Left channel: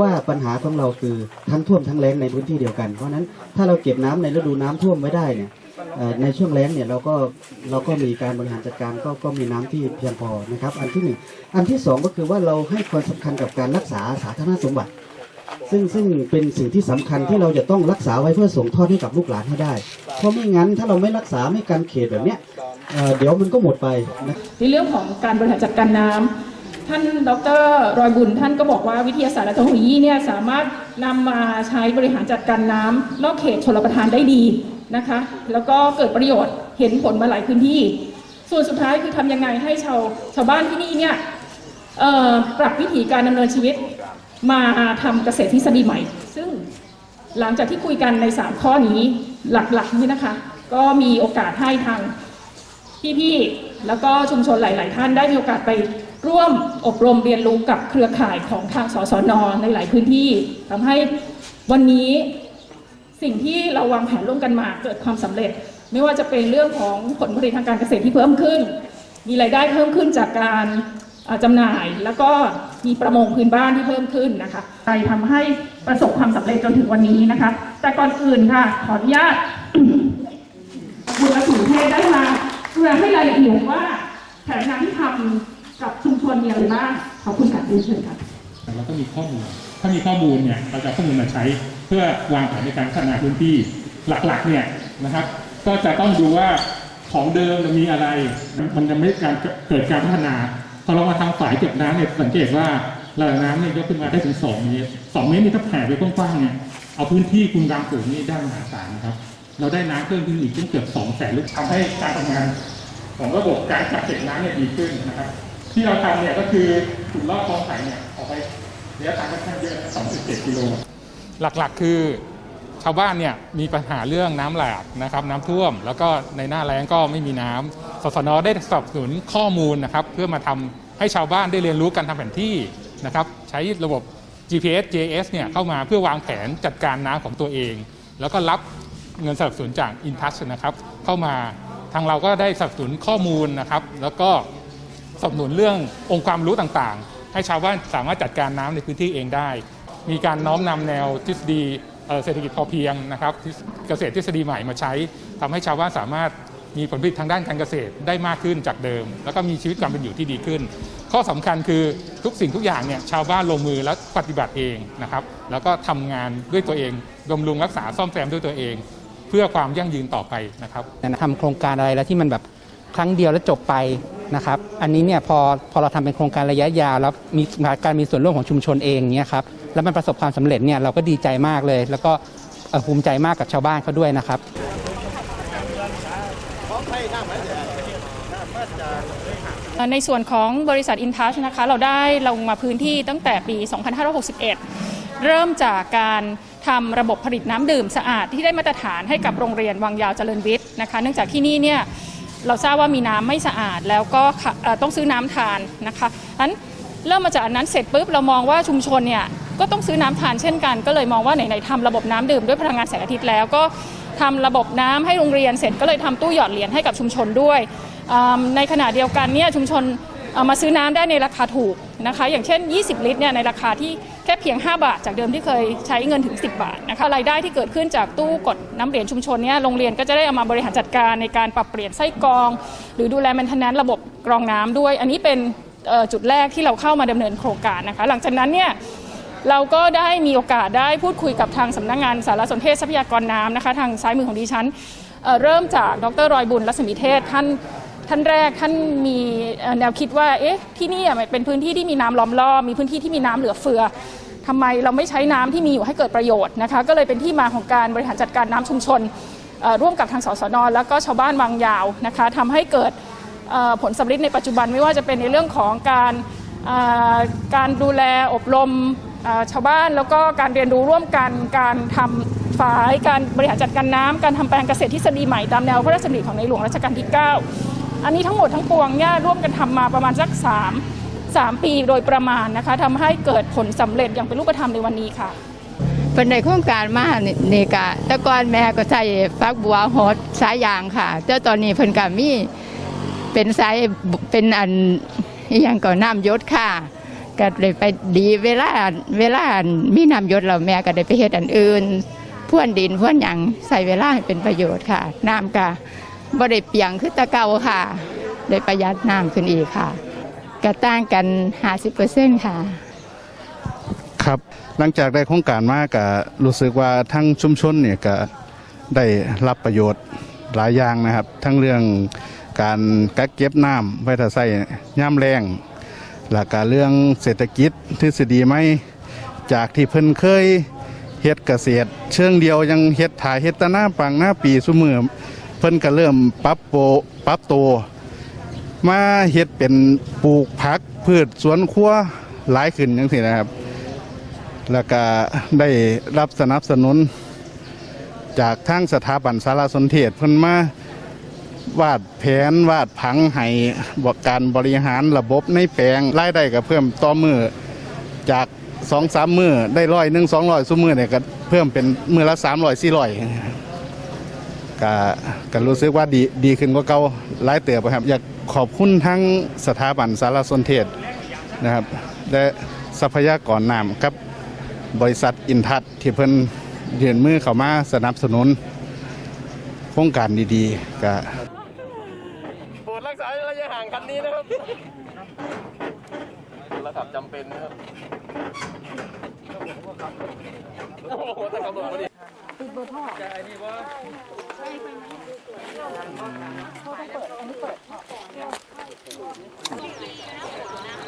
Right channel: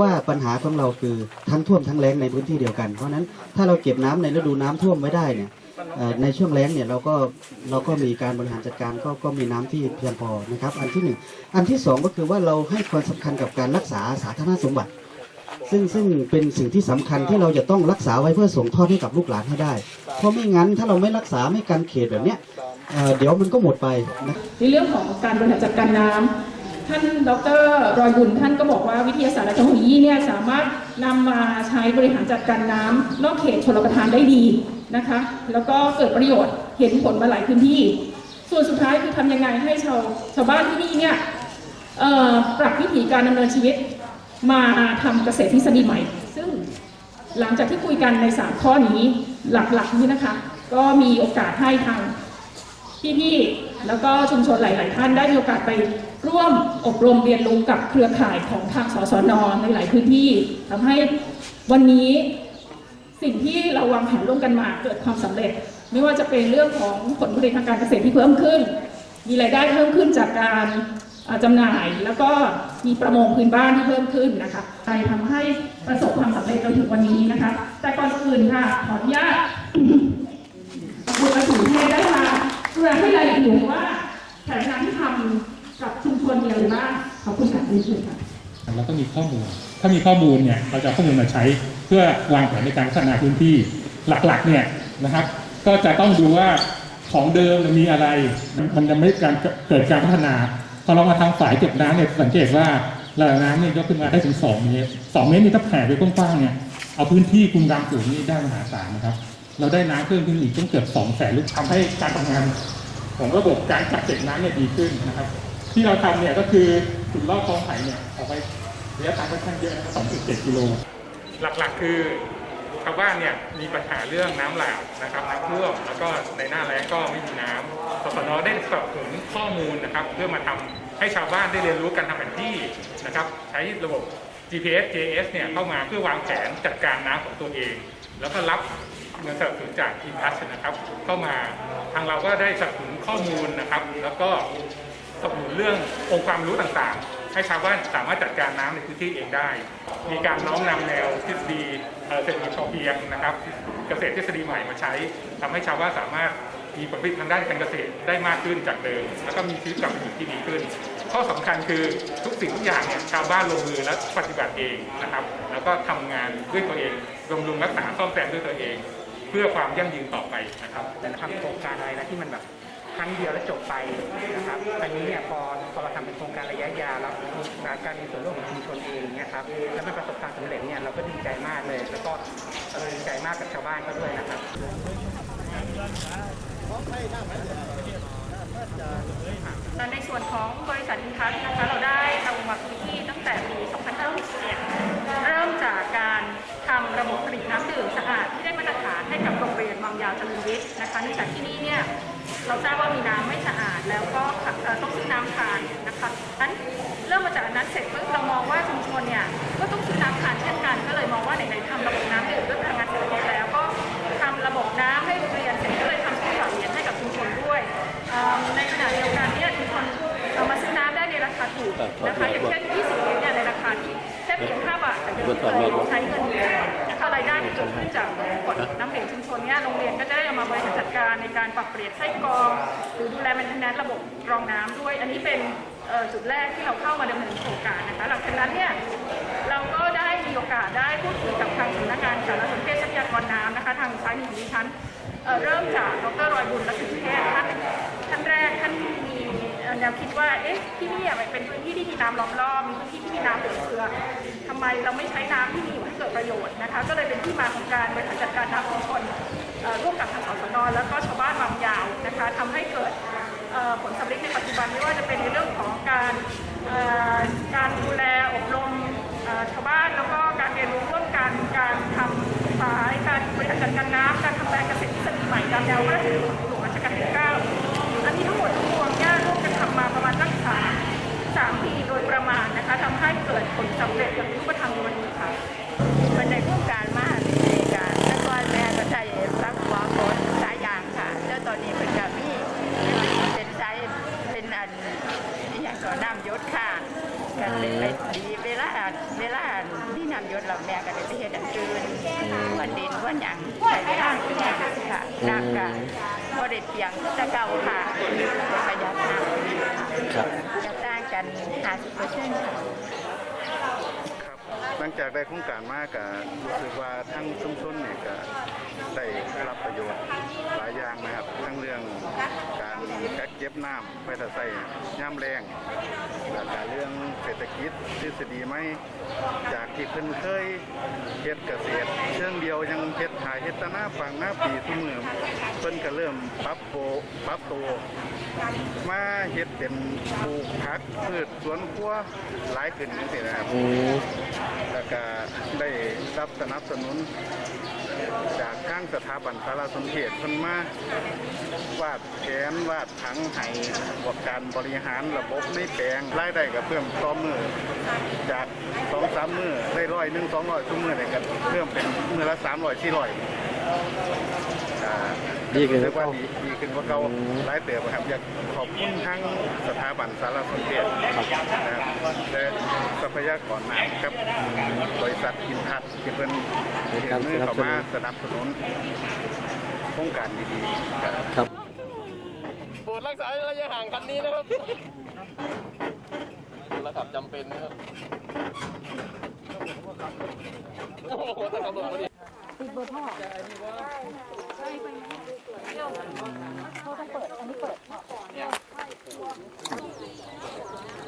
ว่าปัญหาของเราคือทั้งท่วมทั้งแล้งในพื้นที่เดียวกัน เพราะฉะนั้นถ้าเราเก็บน้ำในฤดูน้ำท่วมไว้ได้เนี่ยในช่วงแล้งเนี่ยเราก็เราก็มีการบริหารจัดการก็ก็มีน้ำที่เพียงพอนะครับ อันที่หนึ่งอันที่สองก็คือว่าเราให้ความสำคัญกับการรักษาสาธารณสมบัติ ซึ่งซึ่งเป็นสิ่งที่สำคัญที่เราจะต้องรักษาไว้เพื่อส่งทอดให้กับลูกหลานให้ได้ เพราะไม่งั้นถ้าเราไม่รักษาไม่การเขตแบบเนี้ยเเดี๋ยวมันก็หมดไปนะในเรื่องของการบริหารจัดการน้ำ ท่านดรรอยบุญท่านก็บอกว่าวิทยาศาสตร์และเทคโนโลยีเนี่ยสามารถนำมาใช้บริหารจัดการน้ำนอกเขตชลประทานได้ดีนะคะ แล้วก็เกิดประโยชน์เห็นผลมาหลายพื้นที่ ส่วนสุดท้ายคือทำยังไงให้ชาวชาวบ้านที่นี่เนี่ยปรับวิถีการดำเนินชีวิตมาทำเกษตรทฤษฎีใหม่ ซึ่งหลังจากที่คุยกันใน 3 ข้อนี้หลักๆนี่นะคะ ก็มีโอกาสให้ทางพี่ๆแล้วก็ชุมชนหลาย ๆ ท่านได้มีโอกาสไป ร่วมอบรมเรียนรู้กับเครือข่ายของทางสสนในหลายพื้นที่ทำให้วันนี้สิ่งที่เราวางแผนร่วมกันมาเกิดความสำเร็จ ไม่ว่าจะเป็นเรื่องของผลผลิตทางการเกษตรที่เพิ่มขึ้น มีรายได้เพิ่มขึ้นจากการอ่าจำหน่ายแล้วก็มีประมงพื้นบ้านที่เพิ่มขึ้นนะคะไปทำให้ประสบความสำเร็จจนถึงวันนี้นะคะ แต่ก่อนอื่นค่ะ ขออนุญาตบุญสุเทได้มาเพื่อให้รายละเอียดว่าแผนงานที่ทำ กับชุมชนมีอะไรบ้างขอบคุณค่ะเรียนเชิญค่ะเราต้องมีข้อมูล ถ้ามีข้อมูลเนี่ยเราจะข้อมูลมาใช้เพื่อวางแผนในการพัฒนาพื้นที่หลักๆเนี่ยนะครับ ก็จะต้องดูว่าของเดิมมีอะไร มันยังไม่การเกิดการพัฒนา พอเรามาทำฝ่ายเก็บน้ำเนี่ยสังเกตว่าระดับน้ำเนี่ยยกขึ้นมาได้ถึง 2 เมตร 2 เมตรนี่ถ้าแผ่ไปกว้างๆเนี่ยเอาพื้นที่คุณกลางสูงนี่ได้มหาศาลนะครับ เราได้น้ำเพิ่มขึ้นอีกต้องเกือบ2แสนลูกทำให้การทำงานของระบบการกักเก็บน้ำเนี่ยดีขึ้นนะครับ ที่เราทำเนี่ยก็คือจุดรอบคลองไผ่เนี่ยออกไประยะทางค่อนข้างเยอะนะ2.7กิโล หลักๆคือชาวบ้านเนี่ยมีปัญหาเรื่องน้ำหลากนะครับน้ำท่วม แล้วก็ในหน้าแล้งก็ไม่มีน้ำสสนได้สนับสนุนข้อมูลนะครับ เพื่อมาทำให้ชาวบ้านได้เรียนรู้การทำแผนที่นะครับใช้ระบบ GPS JS เนี่ยเข้ามาเพื่อวางแผนจัดการน้ำของตัวเอง แล้วก็รับเงินสนับสนุนจาก i n t o u c h นะครับ เข้ามาทางเราก็ได้สนับสนุนข้อมูลนะครับ แล้วก็ สนับสนุนเรื่ององค์ความรู้ต่างๆ ให้ชาวบ้านสามารถจัดการน้ำในพื้นที่เองได้ มีการน้อมนำแนวทฤษฎีเศรษฐกิจพอเพียงนะครับเกษตรทฤษฎีใหม่มาใช้ทำให้ชาวบ้านสามารถมีผลผลิตทางด้านการเกษตรได้มากขึ้นจากเดิม แล้วก็มีชีวิตความเป็นอยู่ที่ดีขึ้น ข้อสำคัญคือทุกสิ่งทุกอย่างเนี่ยชาวบ้านลงมือและปฏิบัติเองนะครับ แล้วก็ทำงานด้วยตัวเองบำรุงรักษาซ่อมแซมด้วยตัวเอง เพื่อความยั่งยืนต่อไปนะครับทำโครงการอะไรแล้วที่มันแบบ ครั้งเดียวแล้วจบไปนะครับอันนี้เนี่ยพอพอเราทำเป็นโครงการระยะยาวแล้วมีการมีส่วนร่วมของชุมชนเองเนี่ยครับแล้วมันประสบความสำเร็จเนี่ยเราก็ดีใจมากเลย แล้วก็ภูมิใจมากกับชาวบ้านเขาด้วยนะครับในส่วนของบริษัท InTouch นะคะเราได้ลงมาพื้นที่ตั้งแต่ปี 2561 เริ่มจากการทำระบบผลิตน้ำดื่มสะอาดที่ได้มาตรฐานให้กับโรงเรียนวังยาวเจริญวิทย์นะคะ เนื่องจากที่นี่เนี่ย เราทราบว่ามีน้ำไม่สะอาด แล้วก็ต้องซื้อน้ำทานนะคะนั้นเริ่มมาจากอันนั้นเสร็จปุ๊บเรามองว่าชุมชนเนี่ยก็ต้องซื้อน้ำทานเช่นกัน ก็เลยมองว่าไหนๆทำระบบน้ำดื่มด้วยพลังงานแสงอาทิตย์แล้วก็ทำระบบน้ำให้โรงเรียนเสร็จก็เลยทำตู้หยอดเหรียญให้กับชุมชนด้วย ในขณะเดียวกันเนี่ยชุมชน เอามาซื้อน้ำได้ในราคาถูกนะคะ อย่างเช่น 20 ลิตรเนี่ยในราคาที่แค่เพียง 5 บาท จากเดิมที่เคยใช้เงินถึง 10 บาทนะคะรายได้ที่เกิดขึ้นจากตู้กดน้ำเหรียญชุมชนเนี่ยโรงเรียนก็จะได้เอามาบริหารจัดการในการปรับเปลี่ยนไส้กรอง หรือดูแลแมนทนแนระบบกรองน้ำด้วย อันนี้เป็นจุดแรกที่เราเข้ามาดำเนินโครงการนะคะ หลังจากนั้นเนี่ยเราก็ได้มีโอกาสได้พูดคุยกับทางสำนักงานสารสนเทศทรัพยากรน้ำนะคะ ทางซ้ายมือของดิฉันเเริ่มจากดรรอยบุญรัศมีเทศท่านท่านแรกท่านมี แนวคิดว่าเอ๊ะที่นี่มันเป็นพื้นที่ที่มีน้ำล้อมรอบมีพื้นที่ที่มีน้ำเหลือเฟือทำไมเราไม่ใช้น้ำที่มีอยู่ให้เกิดประโยชน์นะคะก็เลยเป็นที่มาของการบริหารจัดการน้ำชุมชนร่วมกับทางสสนแล้วก็ชาวบ้านวังยาวนะคะทำให้เกิดผลสำลิดในปัจจุบันไม่ว่าจะเป็นในเรื่องของการการดูแลอบรมชาวบ้านแล้วก็การเรียนรู้ร่วมกันการทำฝายการบริหารจัดการน้ำการทำแปลงเกษตรทฤษฎีใหม่ตามแนวพระราชดำริของในหลวงรัชกาลที่ 9 อันนี้ทั้งหมดทั้งปวงเนี่ยร่วมกันทำมาประมาณสัก3 3ปีโดยประมาณนะคะทำให้เกิดผลสำเร็จอย่างเป็นรูปธรรมในวันนี้ค่ะเป็นในโครงการมานี่นี่กะต่ก่อนแม่ก็ใช้ฟักบัวฮอดสายยางค่ะแต่ตอนนี้เพิ่นก็มีเป็นสายเป็นอันอย่างก่อนน้ำยศค่ะก็เลยไปดีเวลาเวลามีน้ำยศเราแม่ก็ได้ไปเฮ็ดอันอื่นพ่วนดินพ่วนหยังใส่เวลาให้เป็นประโยชน์ค่ะ น้ำก็ บ่ได้เปียงคือแตะเก่าค่ะ ได้ประหยัดน้ำขึ้นอีกค่ะก็ต่างกัน 50%ค่ะ ครับหลังจากได้โครงการมากก็รู้สึกว่าทั้งชุมชนเนี่ยก็ได้รับประโยชน์หลายอย่างนะครับ ทั้งเรื่องการกักเก็บน้ำไว้ถ้าใส่ย่ำแรงและก็เรื่องเศรษฐกิจทฤษฎีไหมจากที่เพิ่นเคยเฮ็ดเกษตร เชิงเดียวยังเฮ็ดถ่ายเฮ็ดแตะหน้าปังหน้าปีซุมือเพิ่นก็เริ่มปรับโปรปรับตัวมาเฮ็ดเป็นปลูกผักพืชสวนครัวหลายขึ้นจังซี่นะครับ แล้วก็ได้รับสนับสนุน จากทางสถาบันสารสนเทศเพิ่นมาวาดแผนวาดผังให้บอกการบริหารระบบในแปลงรายได้ก็เพิ่มต่อมือจากสองสามมือได้ร้อยหนึ่งสองร้อยซุมือเนี่ยก็เพิ่มเป็นมือละสามร้อยสี่ร้อย ก็ก็รู้สึกว่าดีดีขึ้นกว่าเก่าหลายเติบครับ อยากขอบคุณทั้งสถาบันสารสนเทศนะครับ และทรัพยากรน้ำครับบริษัทอินทัศน์ที่เพิ่นเห็นมือเข้ามาสนับสนุนโครงการดีๆก็โปรดรักษาระยะห่างคันนี้นะครับระดับจำเป็นนะครับโอ้โหแต่ขับรถมาดิ